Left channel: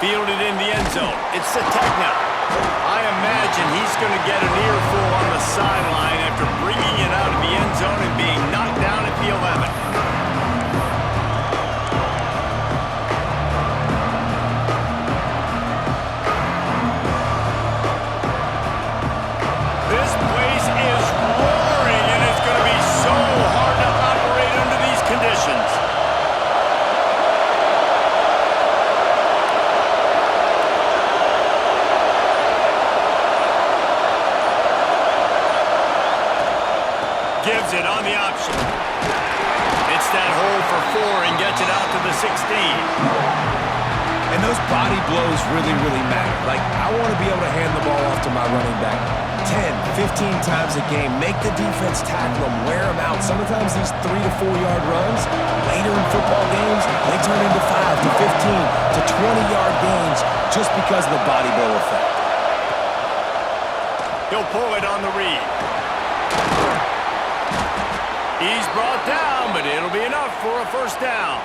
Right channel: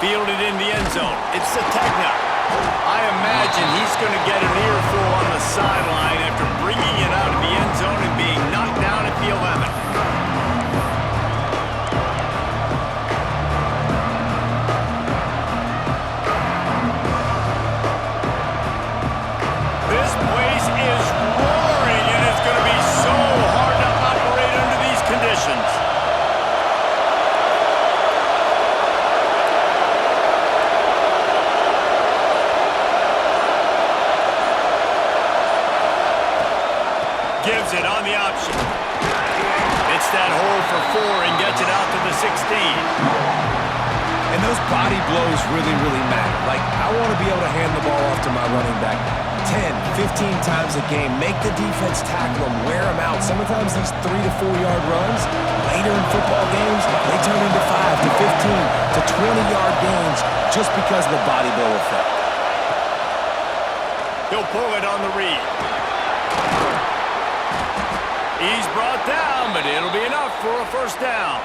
Fielded in the end zone. It's Sategna. I imagine he's going to get an earful on the sideline after bringing it out of the end zone and being knocked down at the 11. This place is roaring, and it's going to be so hard to operate under these conditions. Gives it on the option. It's that hole for 4 and gets it out to the 16. And those body blows really, really matter. Like, I want to be able to hand the ball off to my running back 10, 15 times a game. Make the defense tackle them, wear them out. Sometimes these 3 to 4 yard runs, later in football games, they turn into 5 to 15 to 20-yard gains just because of the body blow effect. He'll pull it on the read. He's brought down, but it'll be enough for a first down.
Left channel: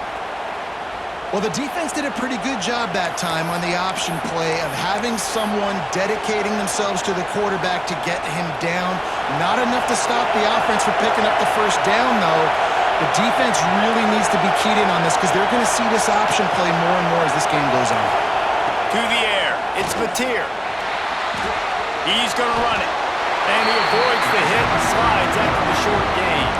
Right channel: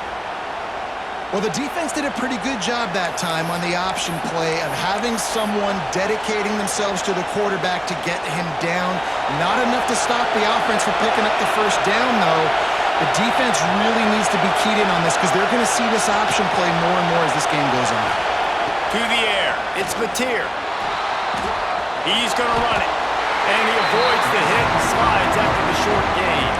Well, the defense did a pretty good job that time on the option play of having someone dedicating themselves to the quarterback to get him down. Not enough to stop the offense from picking up the first down, though. The defense really needs to be keyed in on this because they're going to see this option play more and more as this game goes on. To the air. It's Mateer. He's going to run it. And he avoids the hit and slides after the short gain.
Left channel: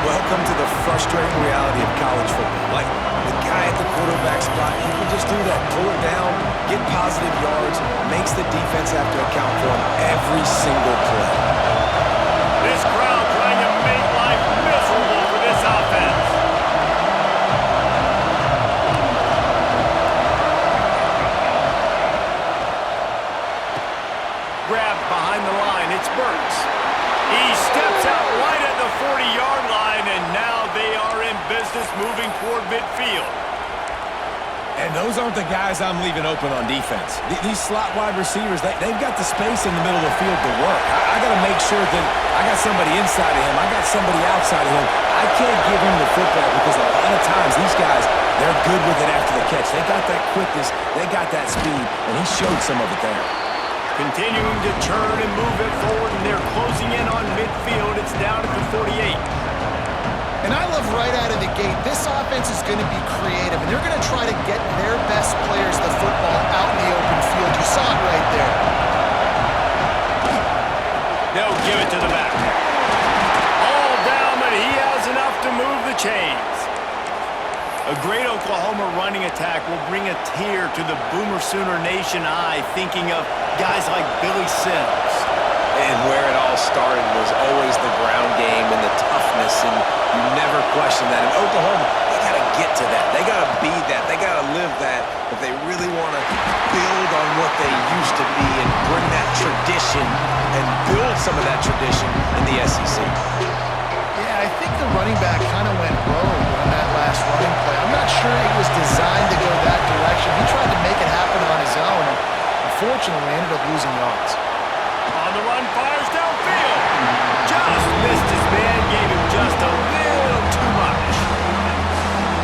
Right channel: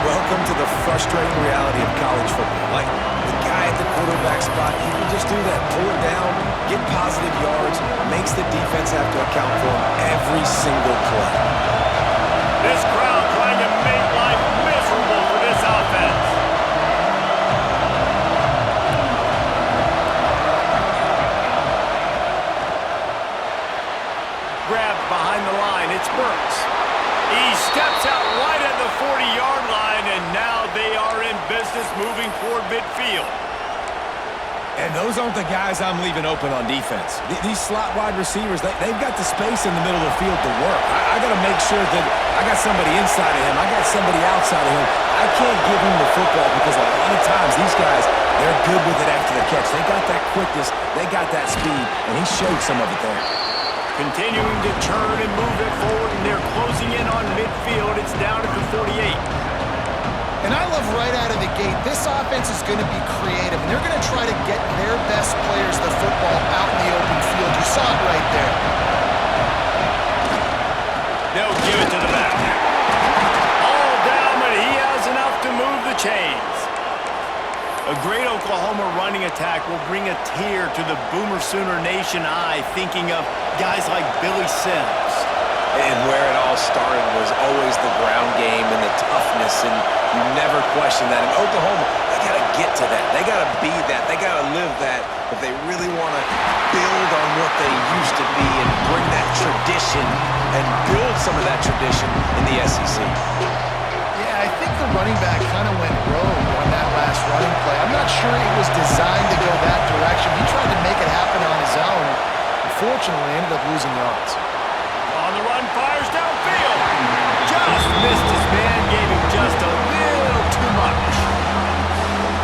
Welcome to the frustrating reality of college football. Like, the guy at the quarterback spot, he can just do that. Pull it down, get positive yards, makes the defense have to account for him every single play. This crowd trying to make life miserable for this offense. Grabbed behind the line, it's Burks. He steps out right at the 40-yard line, and now they are in business moving toward midfield. And those aren't the guys I'm leaving open on defense. These slot wide receivers, they've got the space in the middle of the field to work. I got to make sure that I got somebody inside of him. I got somebody outside of him. I can't give him the football because a lot of times these guys, they're good with it after the catch. They got that quickness. They got that speed, and he showed some of it there. Continuing to turn and move it forward, and they're closing in on midfield. It's down at the 48. And I love right out of the gate, this offense is going to be creative, and they're going to try to get their best players the football out in the open field. You saw it right there. They'll give it to the back. All down, but he has enough to move the chains. A great Oklahoma running attack will bring a tear to the Boomer Sooner Nation eye, thinking of guys like Billy Sims. And where it all started was always the ground game and the toughness, and you never question that. In Oklahoma, they got to get to that. They got to be that. They got to live that if they really want to build on what they used to be and bring that tradition and build some of that tradition in the SEC. Yeah, I think the running back kind of went rogue on that last running play. I'm not sure it was designed to go that direction. He tried to make it happen on his own, and unfortunately ended up losing yards. On the run, fires downfield. Just missed his man, gave him just a little too much.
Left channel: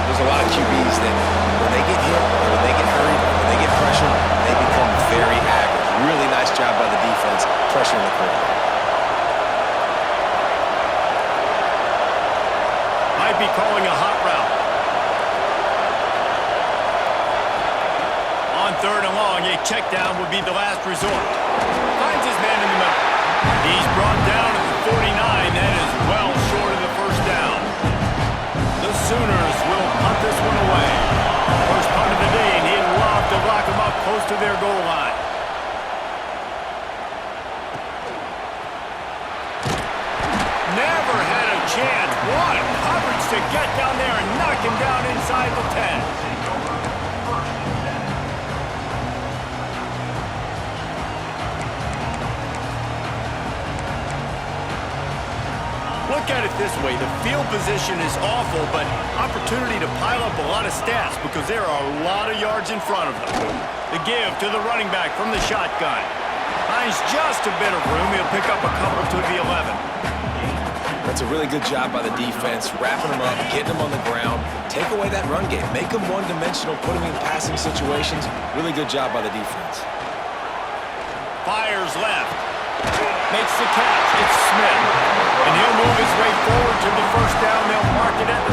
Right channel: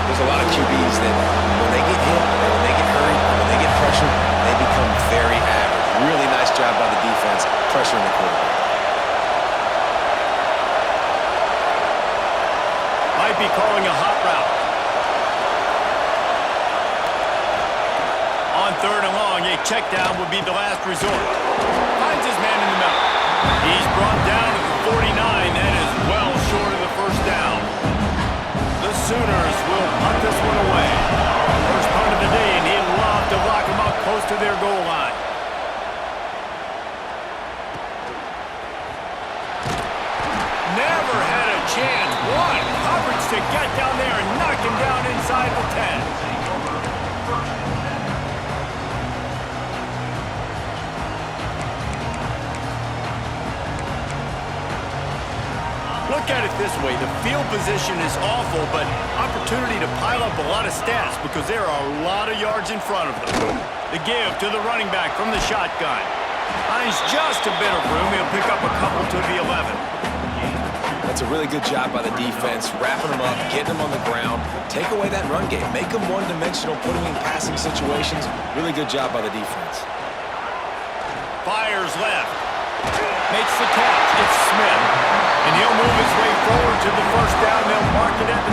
There's a lot of QBs that when they get hit, and when they get hurried, and when they get pressured, they become very average. Really nice job by the defense pressuring the quarterback. Might be calling a hot route. On 3rd and long, a check down would be the last resort. Finds his man in the middle. He's brought down at the 49. That is well short of the first down. The Sooners will punt this one away. First punt of the day, and he'd love to lock them up close to their goal line. Never had a chance. What coverage to get down there and knock him down inside the 10. Look at it this way. The field position is awful, but opportunity to pile up a lot of stats because there are a lot of yards in front of them. The give to the running back from the shotgun. Finds just a bit of room. He'll pick up a couple to the 11. But That's a really good job by the defense, wrapping them up, getting them on the ground. Take away that run game. Make them one-dimensional, put them in passing situations. Really good job by the defense. Fires left. Makes the catch. It's Smith. And he'll move his way forward to the first down. They'll mark it at the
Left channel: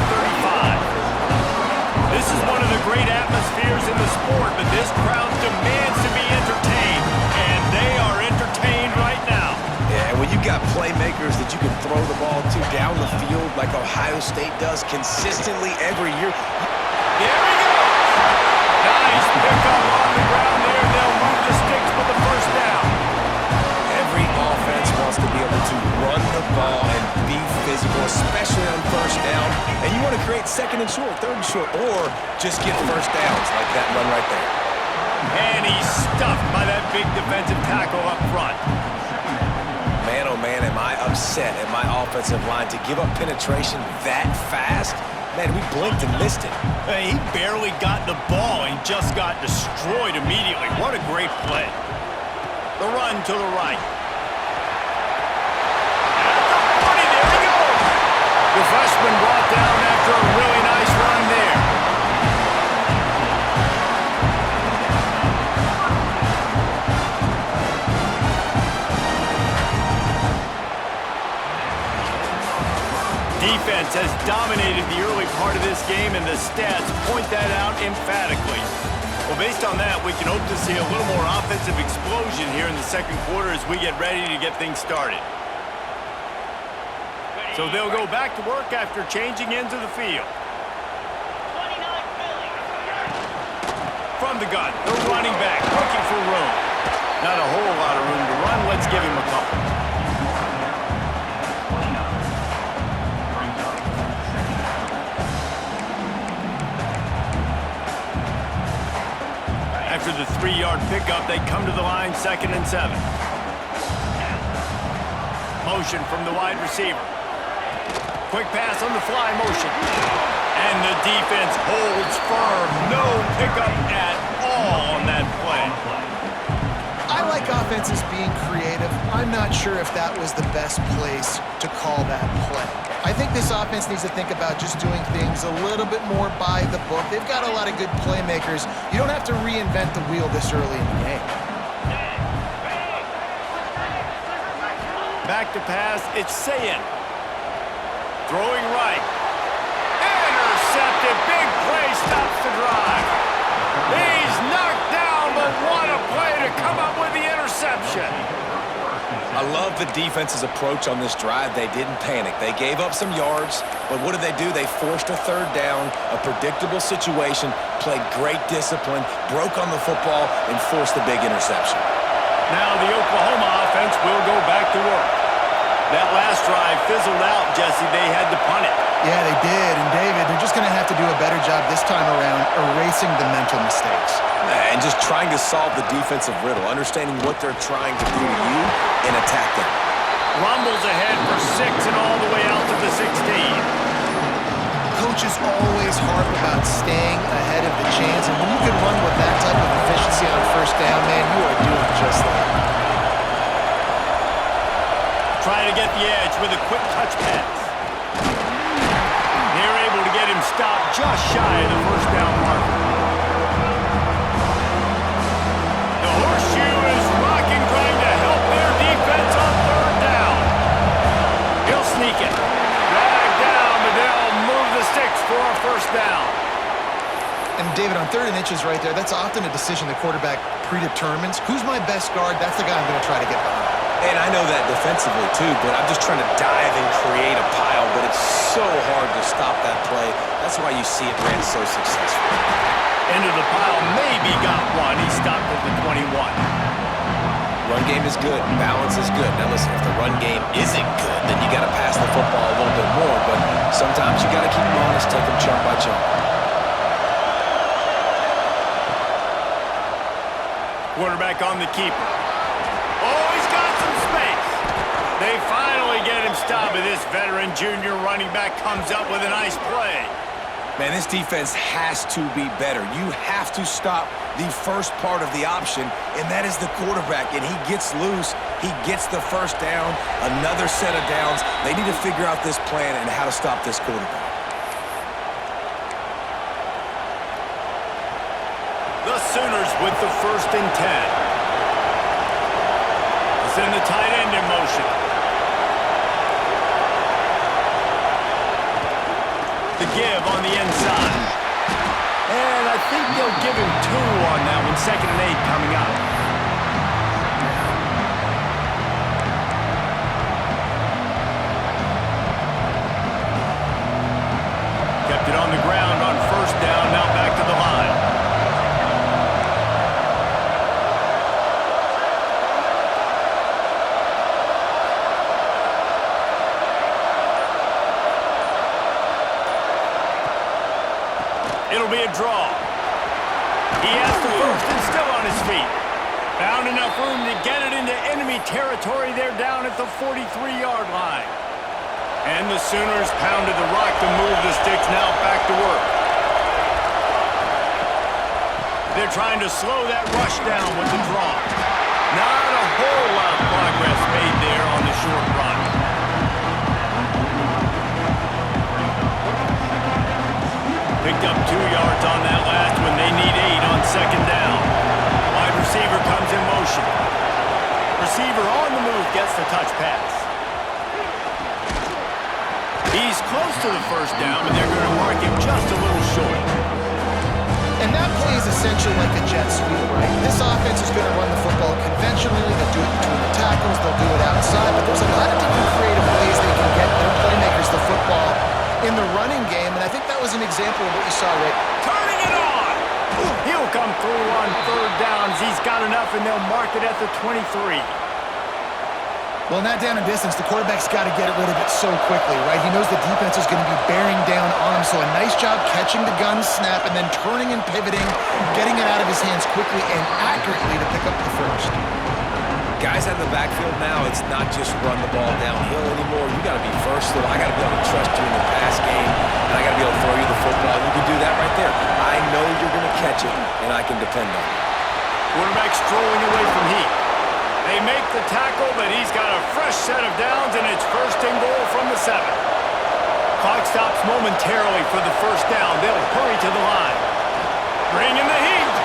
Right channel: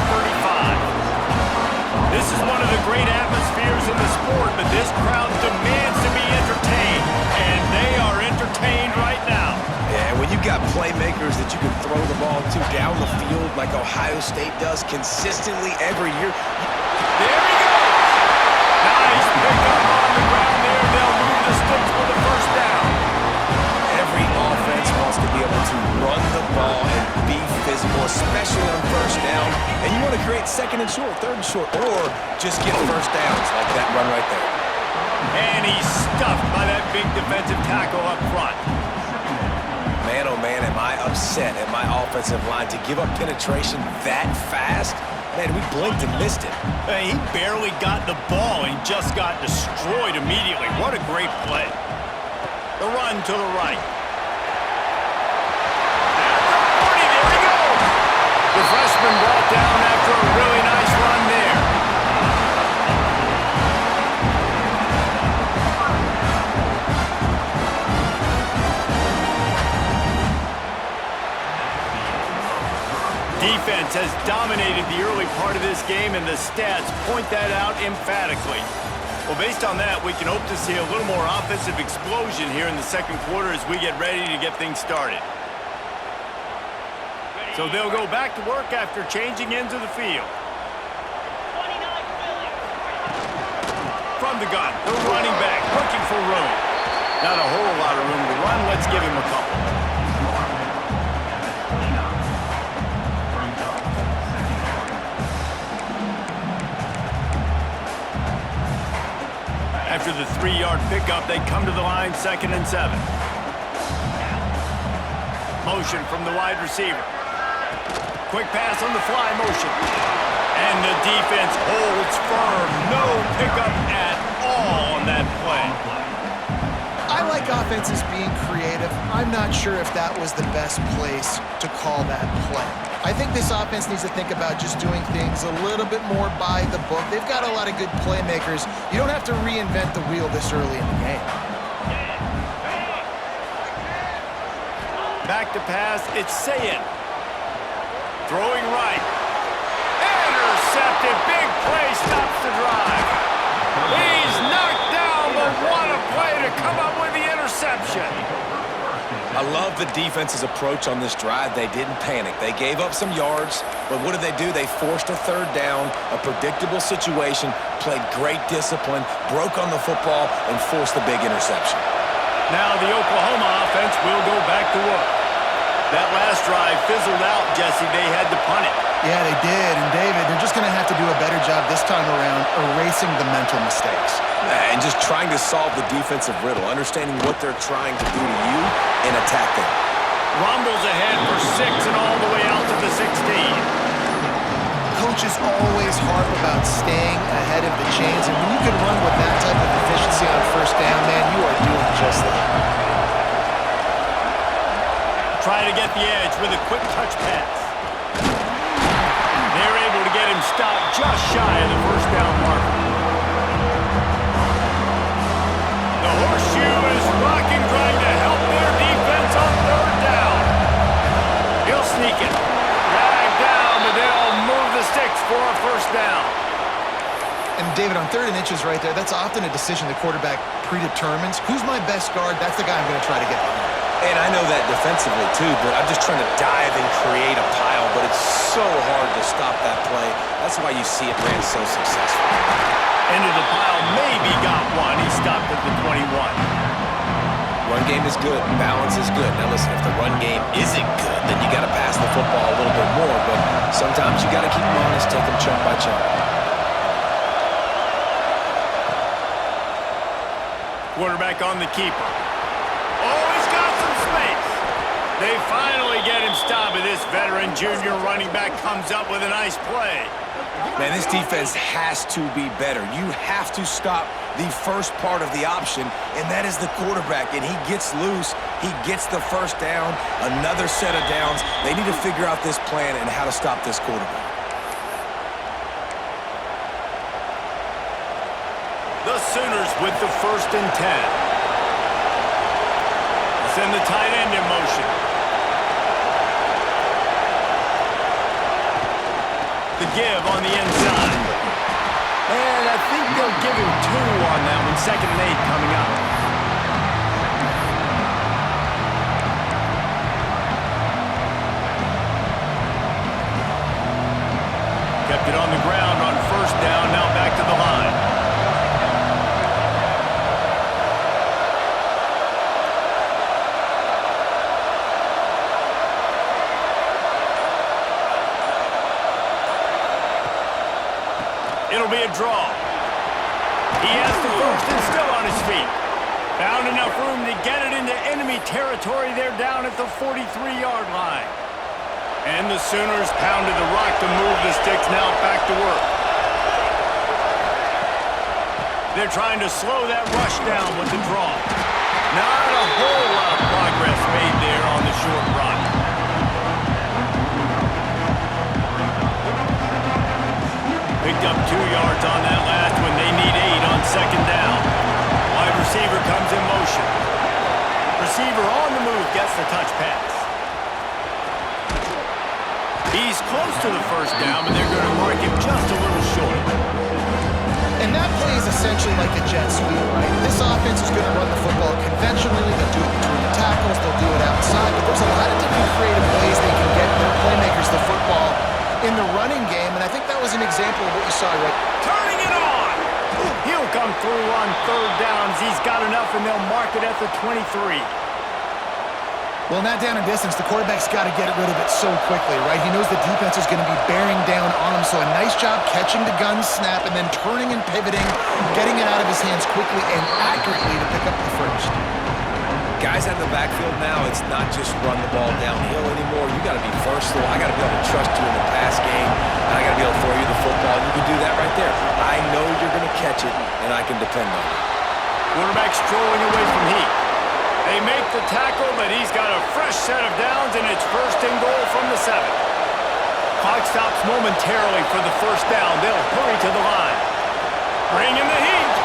35. This is one of the great atmospheres in the sport, but this crowd demands to be entertained, and they are entertained right now. Yeah, and when you've got playmakers that you can throw the ball to down the field like Ohio State does consistently every year. There he goes. Nice pickup on the ground there. They'll move the sticks for the first down. Every offense wants to be able to run the ball and be physical, especially on first down. And you want to create second and short, third and short, or just get first downs like that run right there. And he's stuffed by that big defensive tackle up front. Man, oh man, am I upset at my offensive line to give up penetration that fast? Man, we blinked and missed it. He barely got the ball and just got destroyed immediately. What a great play. The run to the right. At the 40, there he goes. The freshman brought down after a really nice run there. Defense has dominated the early part of this game, and the stats point that out emphatically. Well, based on that, we can hope to see a little more offensive explosion here in the second quarter as we get ready to get things started. So they'll go back to work after changing into the field. 29 Philly. From the gun, the running back looking for room. Not a whole lot of room to run. Let's give him a couple. After the 3-yard pickup, they come to the line, 2nd and 7. Motion from the wide receiver. Quick pass on the fly motion. And the defense holds firm. No pickup at all on that play. I like offenses being creative. I'm not sure if that was the best place to call that play. I think this offense needs to think about just doing things a little bit more by the book. They've got a lot of good playmakers. You don't have to reinvent the wheel this early in the game. Back to pass, it's Sayin. Throwing right. Intercepted, big play, stops the drive. He's knocked down, but what a play to come up with the interception. I love the defense's approach on this drive. They didn't panic. They gave up some yards, but what did they do? They forced a third down, a predictable situation, played great discipline, broke on the football, and forced the big interception. Now the Oklahoma offense will go back to work. That last drive fizzled out, Jesse. They had to punt it. Yeah, they did. And David, they're just going to have to do a better job this time around erasing the mental mistakes. And just trying to solve the defensive riddle, understanding what they're trying to do to you and attack them. Rumbles ahead for 6 and all the way out to the 16. Coaches always harp about staying ahead of the chains, and when you can run with that type of efficiency on first down, man, you are doing just that. Try to get the edge with a quick touch pass. They're able to get him stopped just shy of the first down marker. The horseshoe is rocking, trying to help their defense on third down. He'll sneak it. Drag down, but they'll move the sticks for a first down. And David, on 3rd and inches right there, that's often a decision the quarterback predetermines. Who's my best guard? That's the guy I'm going to try to get behind. And I know that defensively too, but I'm just trying to dive and create a pile, but it's so hard to stop that play. That's why you see it ran so successful. Into the pile, maybe got one. He stopped at the 21. Run game is good. Balance is good. Now listen, if the run game isn't good, then you got to pass the football a little bit more, but sometimes you got to keep them honest, take them chunk by chunk. Quarterback on the keeper. Oh, he's got some space. They finally get him stopped, but this veteran junior running back comes up with a nice play. Man, this defense has to be better. You have to stop the first part of the option, and that is the quarterback. And he gets loose. He gets the first down, another set of downs. They need to figure out this plan and how to stop this quarterback. The Sooners with the 1st and 10. They'll send the tight end in motion. The give on the inside. And I think they'll give him 2 on that one. 2nd and 8 coming up. Kept it on the ground on 1st down. Now back to the line. It'll be a draw. He has the 1st and still on his feet. Found enough room to get it into enemy territory there down at the 43-yard line. And the Sooners pounded the rock to move the sticks, now back to work. They're trying to slow that rush down with the draw. Not a whole lot of progress made there on the short run. Picked up 2 yards on that last one. They need 8 on 2nd down. Wide receiver comes in motion. Receiver on the move gets the touch pass. He's close to the 1st down, but they're going to mark him just a little short. And that play is essentially like a jet sweep, right? This offense is going to run the football conventionally. They'll do it between the tackles. They'll do it outside. But there's a lot of different creative ways they can get their playmakers the football in the running game, and I think that was an example of what you saw, right? Turning it on! He'll come through on 3rd downs. He's got enough, and they'll mark it at the 23. Well, in that down and distance, the quarterback's got to get rid of it so quickly, right? He knows the defense is going to be bearing down on him, so a nice job catching the gun snap and then turning and pivoting, getting it out of his hands quickly and accurately to pick up the 1st. Guys out of the backfield now, it's not just run the ball downhill anymore. You got to be versatile. I got to be able to trust you in the pass game, and I got to be able to throw you the football, and you can do that right there. I know you're going to catch it, and I can depend on you. Quarterback strolling away from Heat. They make the tackle, but he's got a fresh set of downs, and it's 1st and goal from the 7. Clock stops momentarily for the 1st down. They'll hurry to the line. Bring in the Heat.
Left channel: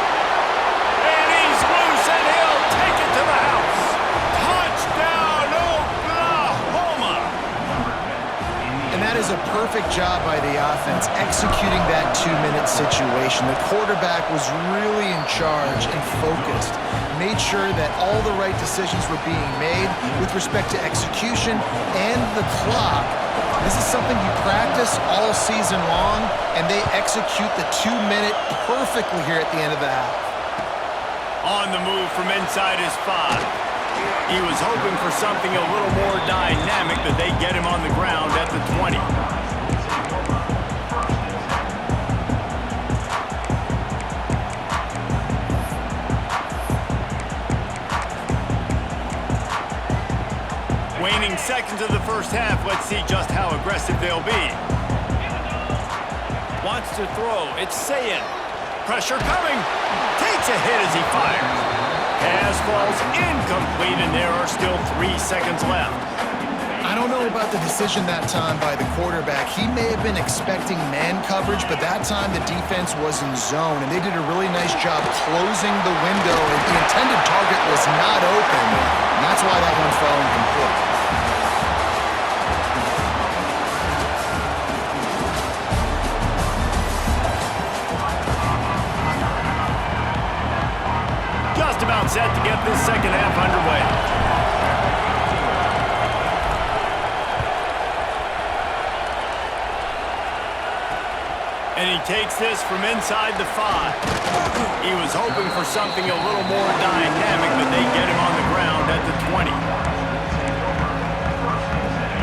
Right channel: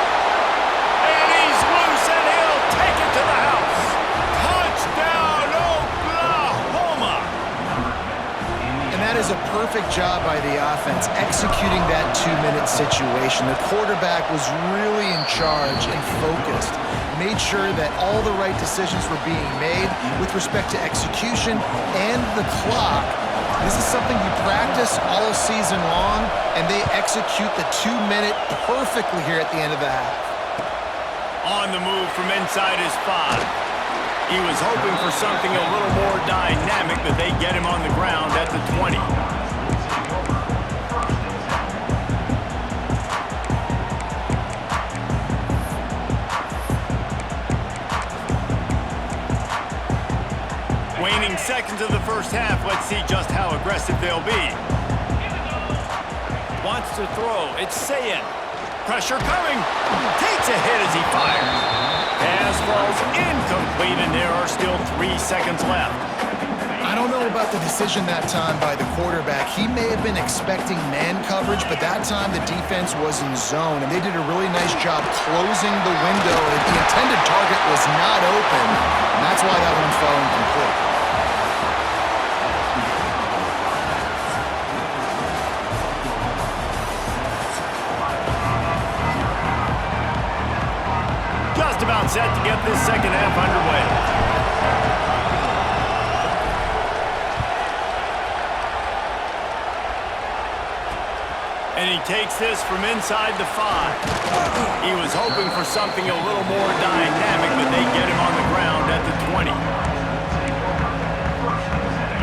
And he's loose, and he'll take it to the house. Touchdown, Oklahoma! And that is a perfect job by the offense, executing that 2-minute situation. The quarterback was really in charge and focused, made sure that all the right decisions were being made with respect to execution and the clock. This is something you practice all season long, and they execute the 2-minute perfectly here at the end of the half. On the move from inside his 5. He was hoping for something a little more dynamic, but they get him on the ground at the 20. Waning seconds of the 1st half. Let's see just how aggressive they'll be. Wants to throw. It's Sayin. Pressure coming. Takes a hit as he fires. Pass falls incomplete, and there are still 3 seconds left. I don't know about the decision that time by the quarterback. He may have been expecting man coverage, but that time the defense was in zone, and they did a really nice job closing the window. The intended target was not open, and that's why that one fell incomplete. Just about set to get this 2nd half underway. And he takes this from inside the 5. He was hoping for something a little more dynamic, but they get him on the ground at the 20.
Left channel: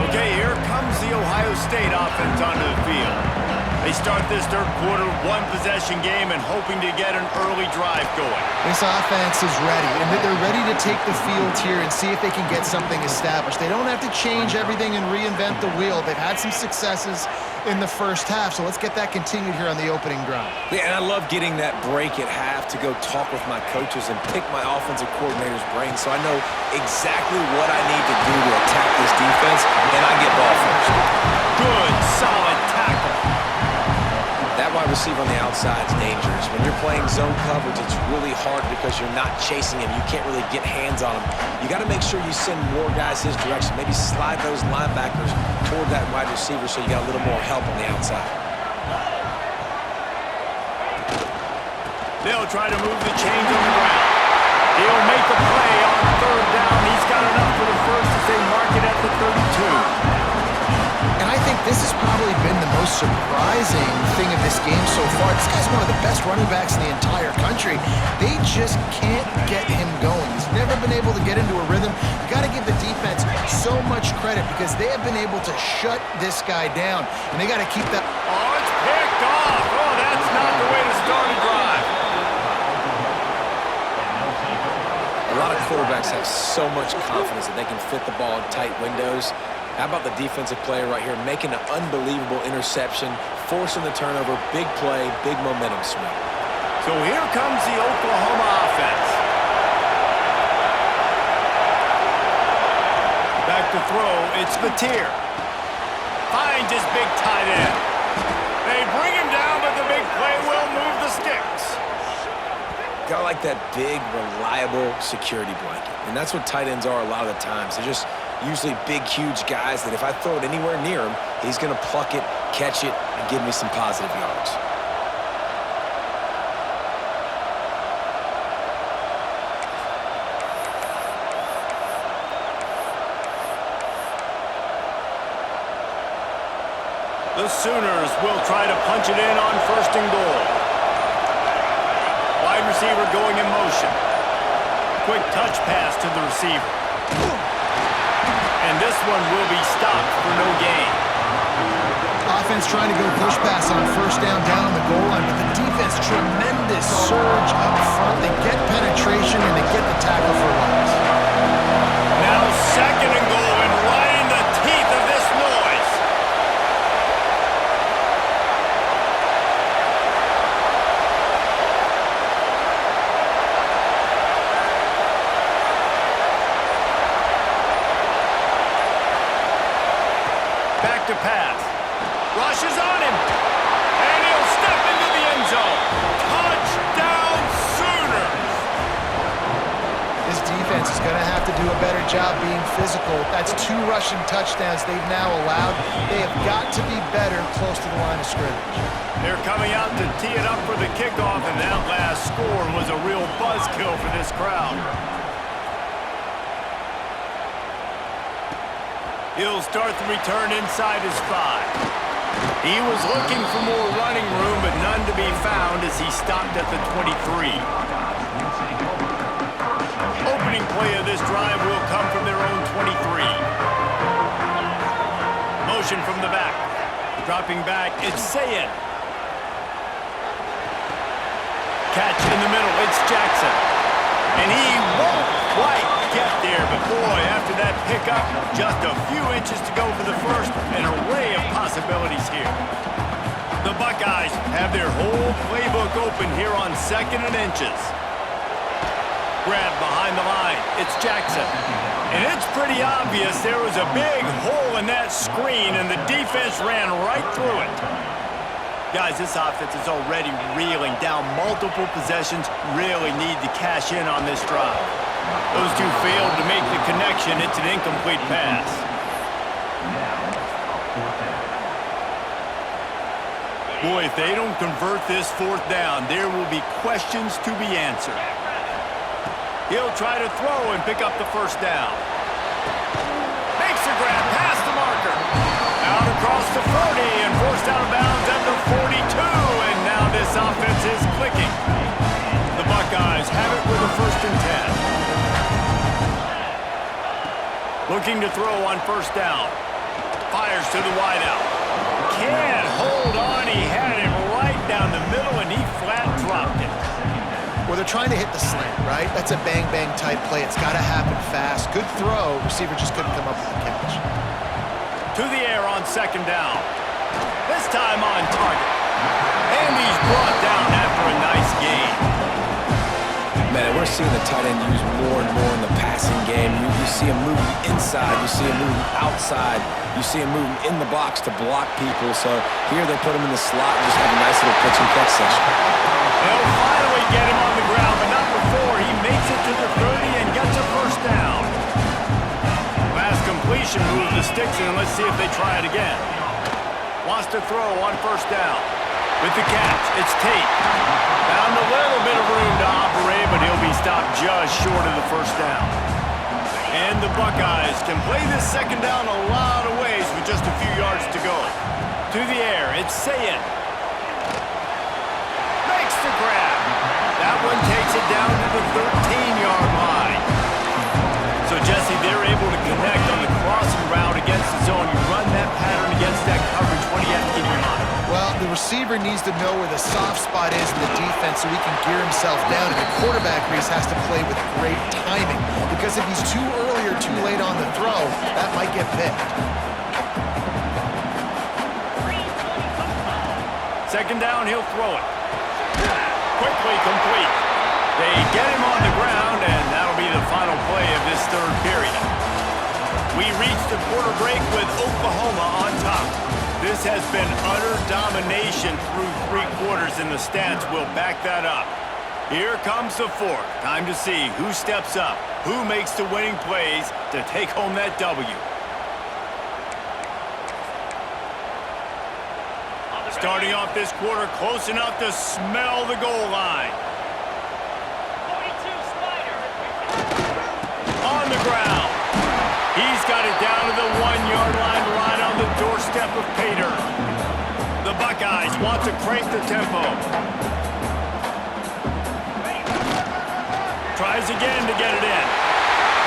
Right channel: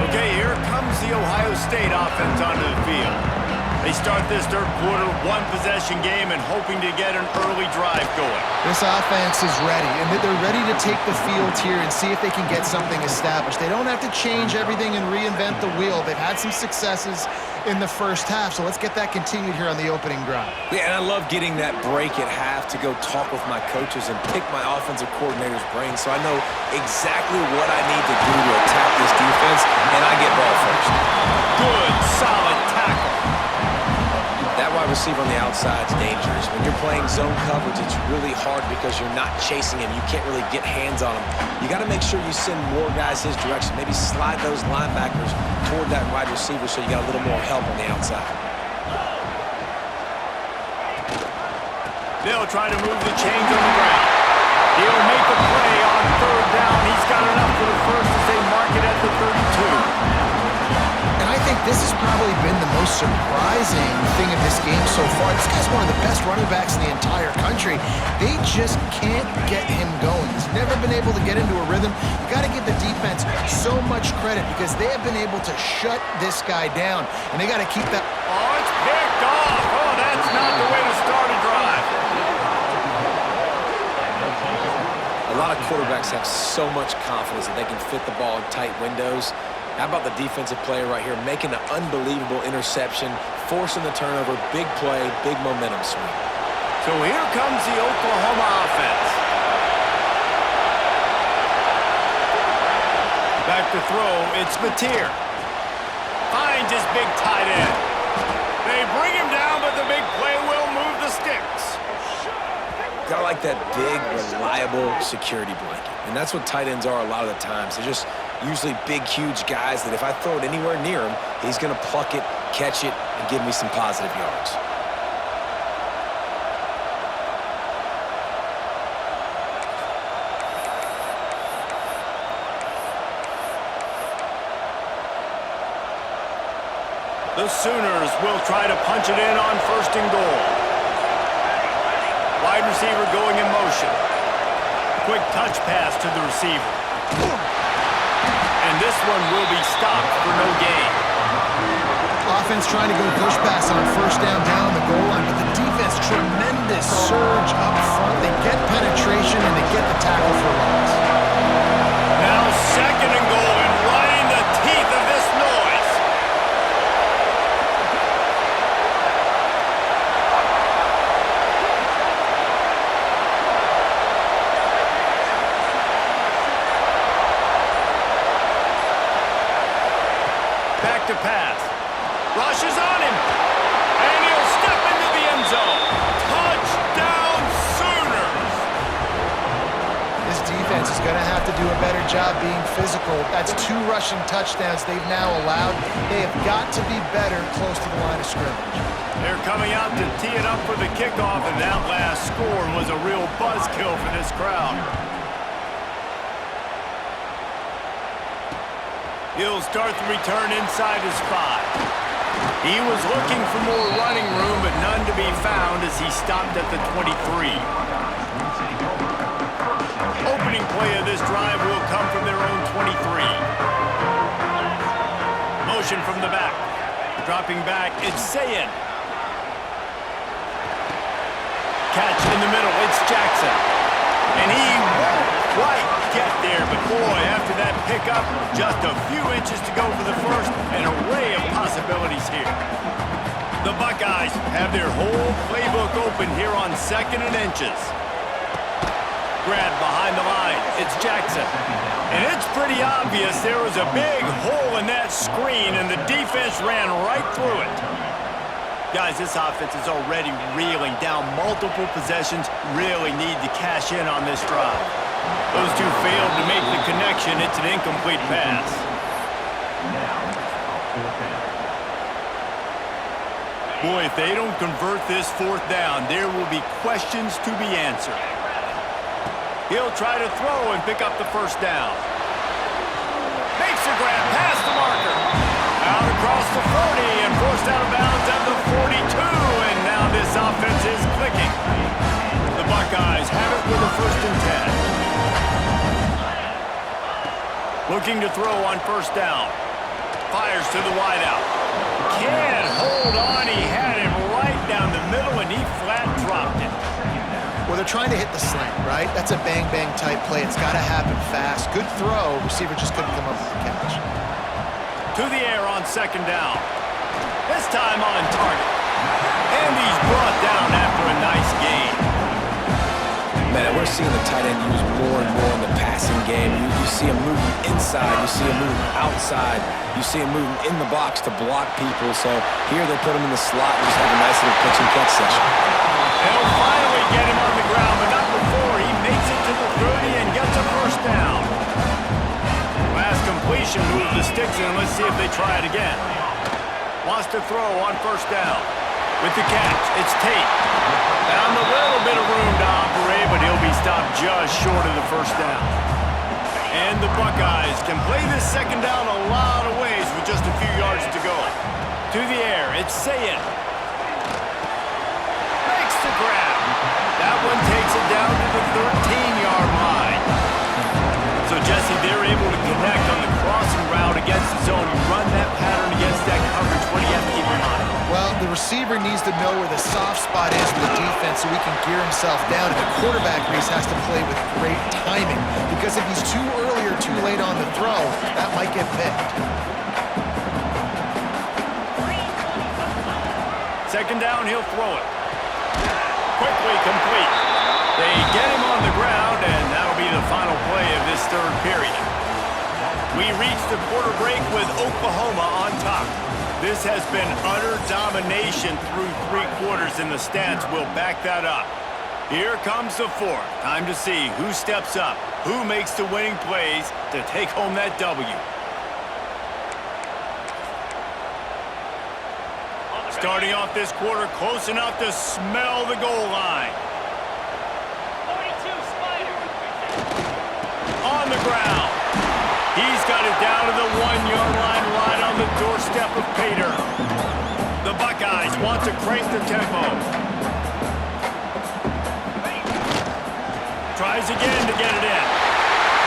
Okay, here comes the Ohio State offense onto the field. They start this third quarter, one-possession game, and hoping to get an early drive going. This offense is ready, and they're ready to take the field here and see if they can get something established. They don't have to change everything and reinvent the wheel. They've had some successes in the first half, so let's get that continued here on the opening drive. Yeah, and I love getting that break at half to go talk with my coaches and pick my offensive coordinator's brain so I know exactly what I need to do to attack this defense, and I get ball first. Good, solid tackle. That wide receiver on the outside is dangerous. When you're playing zone coverage, it's really hard because you're not chasing him. You can't really get hands on him. You got to make sure you send more guys his direction. Maybe slide those linebackers toward that wide receiver so you got a little more help on the outside. They'll try to move the chains on the ground. He'll make the play on third down. He's got enough for the first as they mark it at the 32. And I think this has probably been the most surprising thing of this game so far. This guy's one of the best running backs in the entire country. They just can't get him going. He's never been able to get into a rhythm. You got to give the defense so much credit because they have been able to shut this guy down, and they got to keep that. Oh, it's picked off. Oh, that's not the way to start a drive. A lot of quarterbacks have so much confidence that they can fit the ball in tight windows. How about the defensive player right here making an unbelievable interception, forcing the turnover, big play, big momentum swing. So here comes the Oklahoma offense. Back to throw, it's Mateer. Finds his big tight end. They bring him down, but the big play will move the sticks. Got like that big, reliable security blanket. And that's what tight ends are a lot of the times. They're just usually big, huge guys that if I throw it anywhere near him, he's going to pluck it, catch it, and give me some positive yards. The Sooners will try to punch it in on first and goal. Wide receiver going in motion. Quick touch pass to the receiver. And this one will be stopped for no gain. Offense trying to go push pass on first down on the goal line, but the defense, tremendous surge up front. They get penetration and they get the tackle for loss. Now second and goal and right in the teeth of this noise. Back to pass. Rushes on him. And he'll step into the end zone. Touchdown Sooners. This defense is going to have to do a better job being physical. That's 2 rushing touchdowns they've now allowed. They have got to be better close to the line of scrimmage. They're coming out to tee it up for the kickoff, and that last score was a real buzzkill for this crowd. He'll start the return inside his 5. He was looking for more running room, but none to be found as he stopped at the 23. Opening play of this drive will come from their own 23. Motion from the back. Dropping back, it's Sayin. Catch in the middle, it's Jackson. And he won't quite get there, but boy, after that pickup, just a few inches to go for the first, an array of possibilities here. The Buckeyes have their whole playbook open here on second and inches. Grab behind the line, it's Jackson. And it's pretty obvious there was a big hole in that screen, and the defense ran right through it. Guys, this offense is already reeling down multiple possessions, really need to cash in on this drive. Those two failed to make the connection. It's an incomplete pass. Boy, if they don't convert this 4th down, there will be questions to be answered. He'll try to throw and pick up the first down. Makes a grab past the marker. Out across the 40 and forced out of bounds at the 42, and now this offense is clicking. The Buckeyes have it with a 1st and 10. Looking to throw on first down. Fires to the wideout. can't hold on. He had him right down the middle, and he flat dropped it. Well, they're trying to hit the slant, right? That's a bang-bang type play. It's got to happen fast. Good throw. Receiver just couldn't come up with the catch. To the air on second down. This time on target. And he's brought down after a nice gain. Man, we're seeing the tight end used more and more in the passing game. You see him moving inside. You see him moving outside. You see him moving in the box to block people. So here they put him in the slot and just have a nice little pitch and catch session. They'll finally get him on the ground, but not before he makes it to the 30 and gets a first down. Last completion moved the sticks in. Let's see if they try it again. Wants to throw on first down. With the catch, it's Tate. Found a little bit of room to operate, but he'll be stopped just short of the first down. And the Buckeyes can play this second down a lot of ways with just a few yards to go. To the air, it's Sayin. Makes the grab. That one takes it down to the 13-yard line. So, Jesse, they're able to connect on the crossing route against the zone. You run that pattern against that coverage. What do you have to keep in mind? Well, the receiver needs to know where the soft spot is in the defense so he can gear himself down. And the quarterback, Reese, has to play with great timing. Because if he's too early or too late on the throw, that might get picked. Second down, he'll throw it. Quickly complete. They get him on the ground, and that'll be the final play of this third period. We reach the quarter break with Oklahoma on top. This has been utter domination through 3 quarters, and the stats will back that up. Here comes the fourth. Time to see who steps up, who makes the winning plays to take home that W. Starting off this quarter, close enough to smell the goal line. 42, Spider. On the ground. He's got it down to the 1-yard line right on the doorstep of Pater. The Buckeyes want to crank the tempo. Tries again to get it in.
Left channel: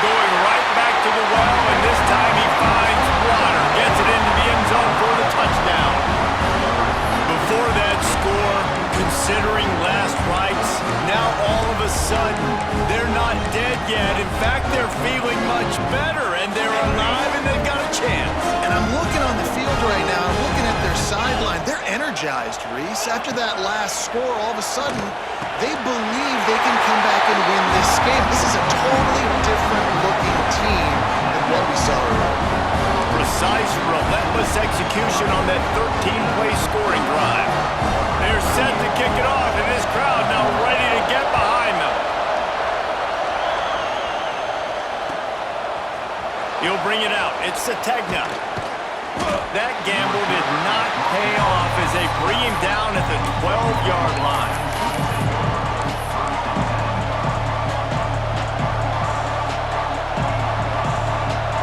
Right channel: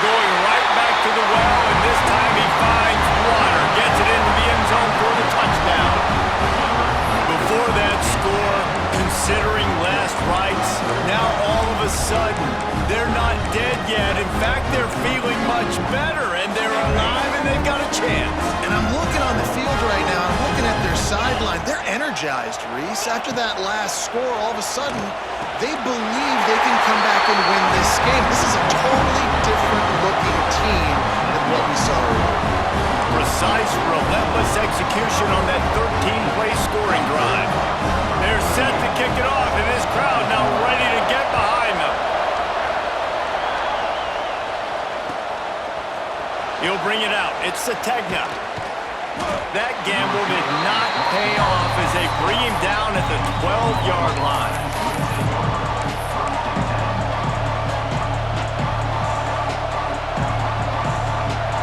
Going right back to the well, and this time he finds water. Gets it into the end zone for the touchdown. Before that score, considering last rites, now all of a sudden, they're not dead yet. In fact, they're feeling much better, and they're alive, and they've got a chance. And I'm looking on the field right now. I'm looking at their sideline. They're energized, Reese. After that last score, all of a sudden, they believe they can come back and win this game. This is a totally different-looking team than what we saw earlier. Precise, relentless execution on that 13-play scoring drive. They're set to kick it off, and this crowd now ready to get behind them. He'll bring it out. It's Sategna. That gamble did not pay off as they bring him down at the 12-yard line.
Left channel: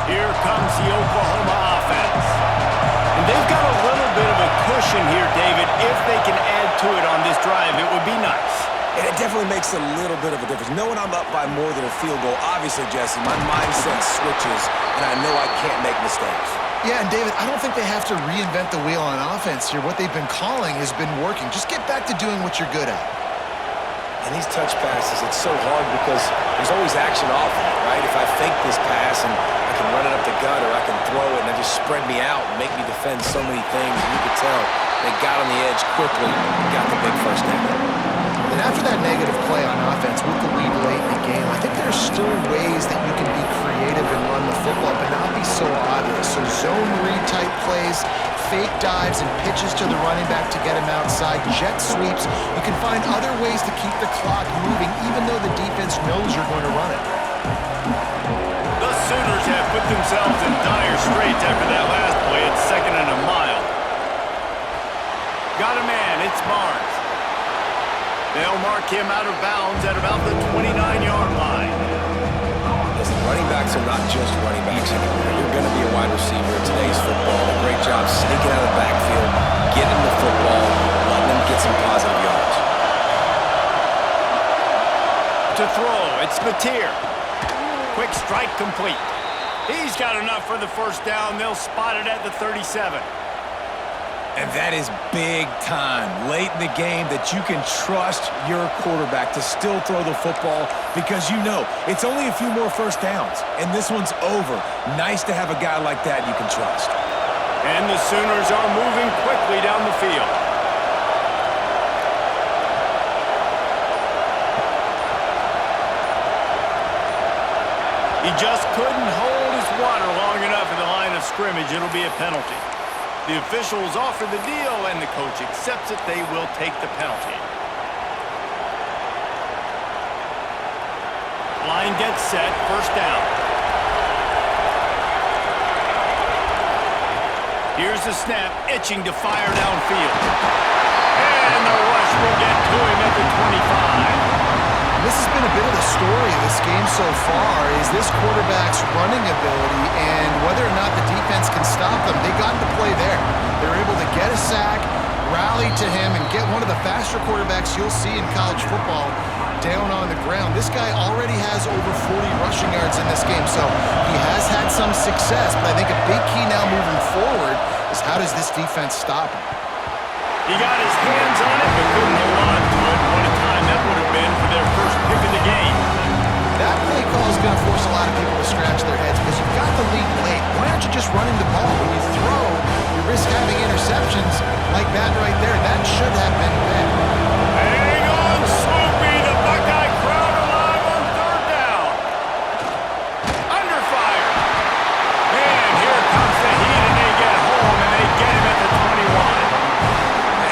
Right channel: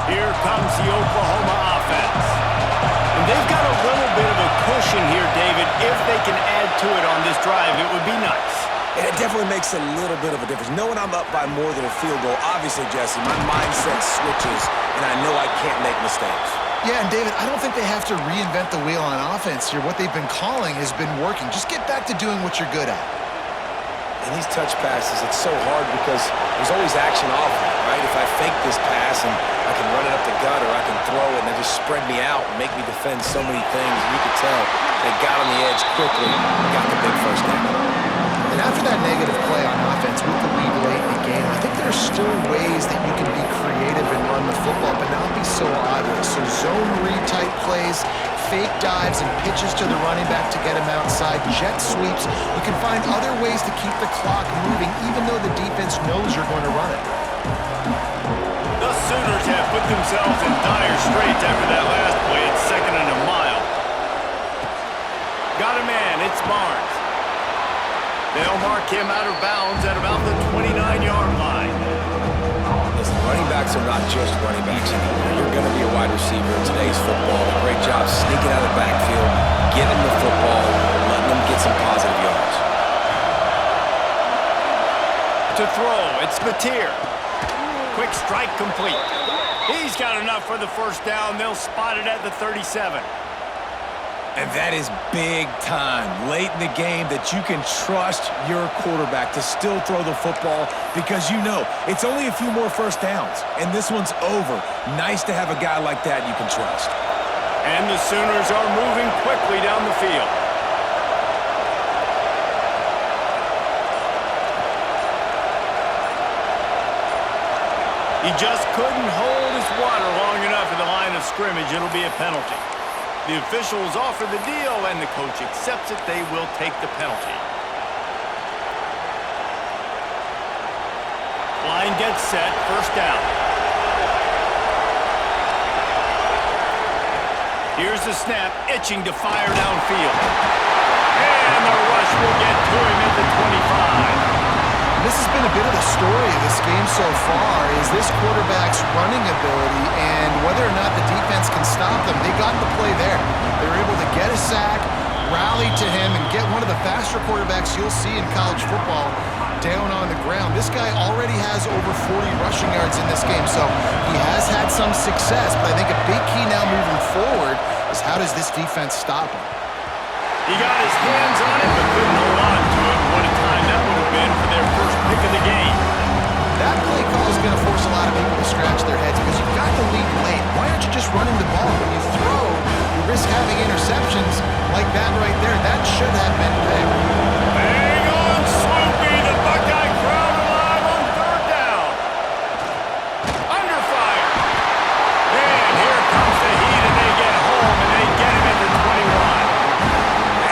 Here comes the Oklahoma offense. And they've got a little bit of a cushion here, David. If they can add to it on this drive, it would be nice. And it definitely makes a little bit of a difference. Knowing I'm up by more than a field goal, obviously, Jesse, my mindset switches, and I know I can't make mistakes. Yeah, and David, I don't think they have to reinvent the wheel on offense here. What they've been calling has been working. Just get back to doing what you're good at. And these touch passes, it's so hard because there's always action off of it, right? If I fake this pass and I can run it up the gut or I can throw it and they just spread me out and make me defend so many things, and you could tell they got on the edge quickly and got the big first down. And after that negative play on offense with the lead late in the game, I think there's still ways that you can be creative and run the football, but not be so obvious. So zone read type plays, fake dives and pitches to the running back to get him outside, jet sweeps. You can find other ways to keep the clock moving, even though the defense knows you're going to run it. The Sooners have put themselves in dire straits after that last play. It's 2nd and a mile. Got a man. It's Barnes. They'll mark him out of bounds at about the 29-yard line. Listen, running backs are not just running backs anymore. You're going to be a wide receiver in today's football. A great job sneaking out of the backfield, getting the football, letting them get some positive yards. To throw, it's Mateer. Quick strike complete. He's got enough for the first down. They'll spot it at the 37. And that is big time, late in the game, that you can trust your quarterback to still throw the football because you know it's only a few more first downs, and this one's over. Nice to have a guy like that you can trust. And the Sooners are moving quickly down the field. He just couldn't hold his water long enough at the line of scrimmage. It'll be a penalty. The officials offer the deal, and the coach accepts it. They will take the penalty. Line gets set, first down. Here's the snap, itching to fire downfield. And the rush will get to him at the 25. This has been a bit of the story of this game so far, is this quarterback's running ability and whether or not the defense can stop them. They got the play there. They were able to get a sack, rally to him, and get one of the faster quarterbacks you'll see in college football down on the ground. This guy already has over 40 rushing yards in this game, so he has had some success, but I think a big key now moving forward is how does this defense stop him? He got his hands on it, but couldn't hold on to it. What a time that would have been for their first pick of the game. That play call is going to force a lot of people to scratch their heads because you've got the lead late. Why aren't you just running the ball? When you throw, you risk having interceptions like that right there. That should have been big. Hang on, Sloopy. The Buckeye crowd alive on third down. Under fire. And here comes the heat, and they get home, and they get him at the 21.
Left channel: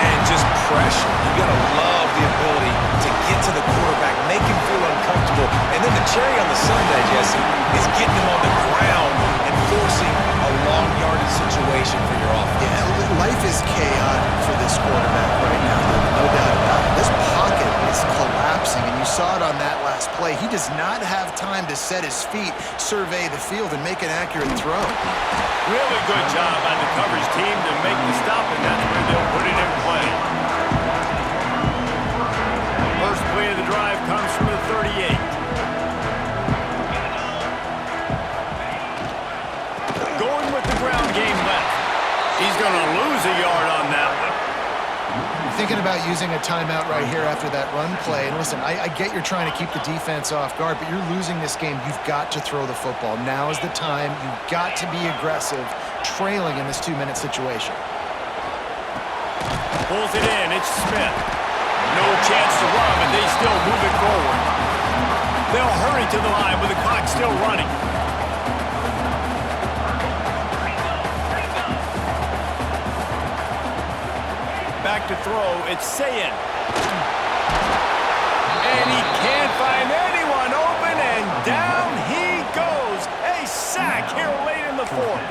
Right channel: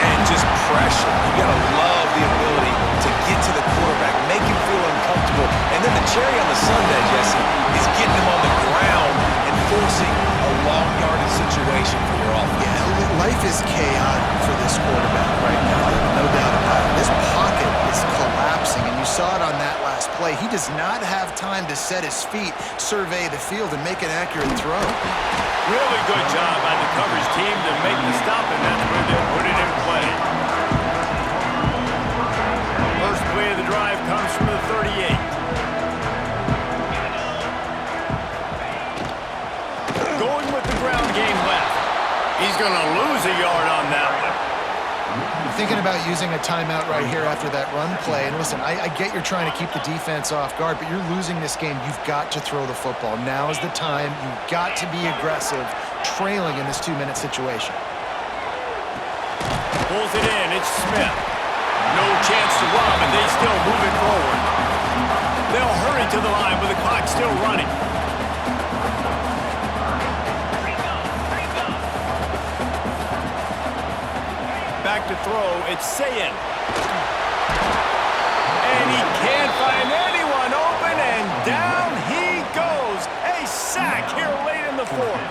And just pressure. You got to love the ability to get to the quarterback, make him feel uncomfortable. And then the cherry on the sundae, Jesse, is getting him on the ground and forcing a long yardage situation for your offense. Yeah, life is chaotic for this quarterback right now, no doubt about it. This pocket is collapsing, and you saw it on that last play. He does not have time to set his feet, survey the field, and make an accurate throw. Really good job by the coverage team to make the stop, and that's where they'll put it in play. First play of the drive comes from the 38. Going with the ground game left. He's going to lose a yard on that one. Thinking about using a timeout right here after that run play. And listen, I get you're trying to keep the defense off guard, but you're losing this game. You've got to throw the football. Now is the time. You've got to be aggressive, trailing in this 2-minute situation. Pulls it in. It's Smith. No chance to run, but they still move it forward. They'll hurry to the line with the clock still running. Back to throw, it's Sayin. And he can't find anyone open, and down he goes. A sack here late in the fourth.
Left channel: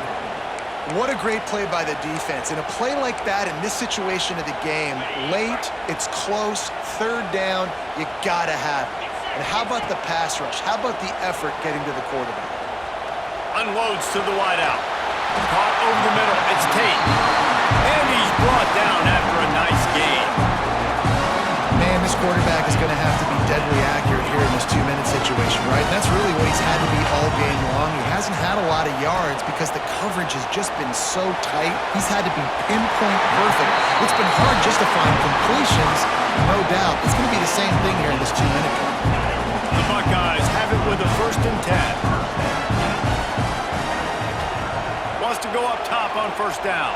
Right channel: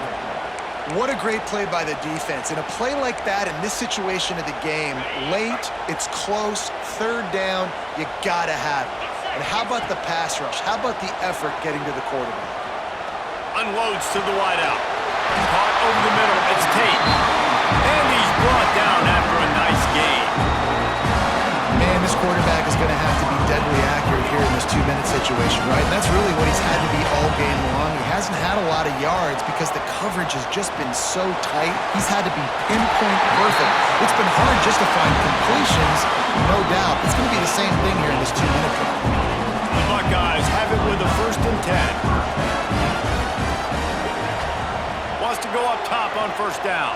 What a great play by the defense. In a play like that, in this situation of the game, late, it's close, third down, you gotta have it. And how about the pass rush? How about the effort getting to the quarterback? Unloads to the wideout. Caught over the middle, it's Tate. And he's brought down after a nice game. Man, this quarterback is going to have to be deadly accurate here in this 2-minute situation, right? And that's really what he's had to be all game long. He hasn't had a lot of yards because the coverage has just been so tight. He's had to be pinpoint perfect. It's been hard just to find completions, no doubt. It's going to be the same thing here in this 2-minute drive. The Buckeyes have it with a 1st and 10. Wants to go up top on 1st down.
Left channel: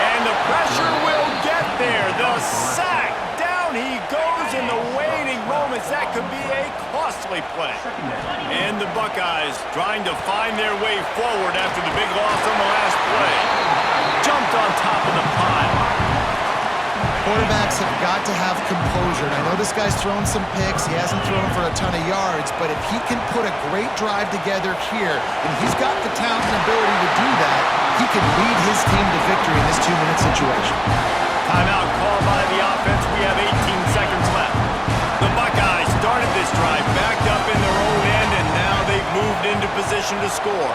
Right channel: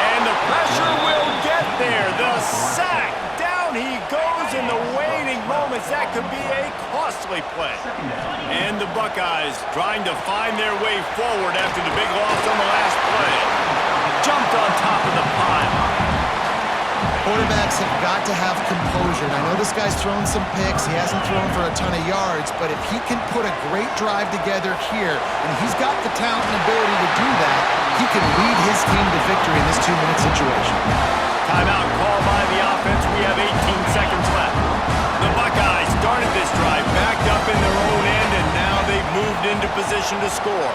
And the pressure will get there. The sack. Down he goes in the waiting moments. That could be a costly play. And the Buckeyes trying to find their way forward after the big loss on the last play. Jumped on top of the pile. Quarterbacks have got to have composure. And I know this guy's thrown some picks. He hasn't thrown for a ton of yards. But if he can put a great drive together here, and he's got the talent and ability to do that, he can lead his team to victory in this 2-minute situation. Timeout called by the offense. We have 18 seconds left. The Buckeyes started this drive backed up in their own end, and now they've moved into position to score.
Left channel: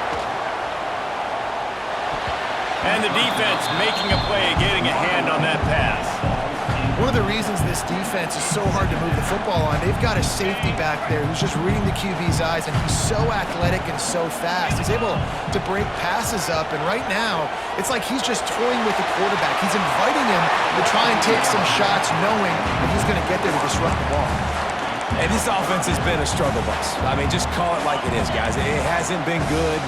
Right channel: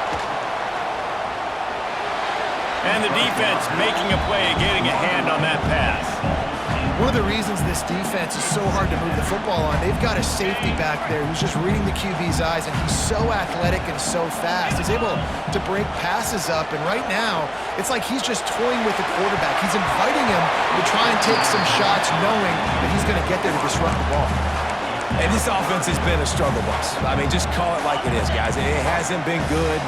And the defense making a play, getting a hand on that pass. One of the reasons this defense is so hard to move the football on, they've got a safety back there who's just reading the QB's eyes, and he's so athletic and so fast. He's able to break passes up, and right now, it's like he's just toying with the quarterback. He's inviting him to try and take some shots, knowing that he's going to get there to disrupt the ball. And this offense has been a struggle bus. I mean, just call it like it is, guys. It hasn't been good,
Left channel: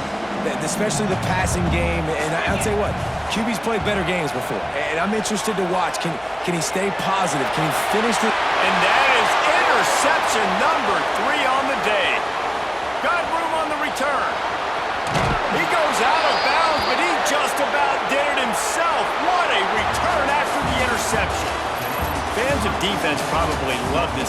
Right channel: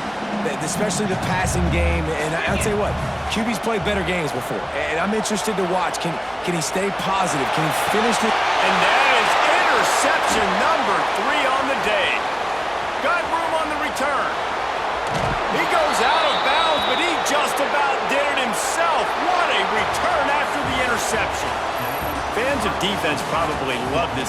especially the passing game. And I'll tell you what, QB's played better games before. And I'm interested to watch. Can he stay positive? Can he finish the... And that is interception number 3 on the day. Got room on the return. He goes out of bounds, but he just about did it himself. What a return after the interception. Fans of defense probably love this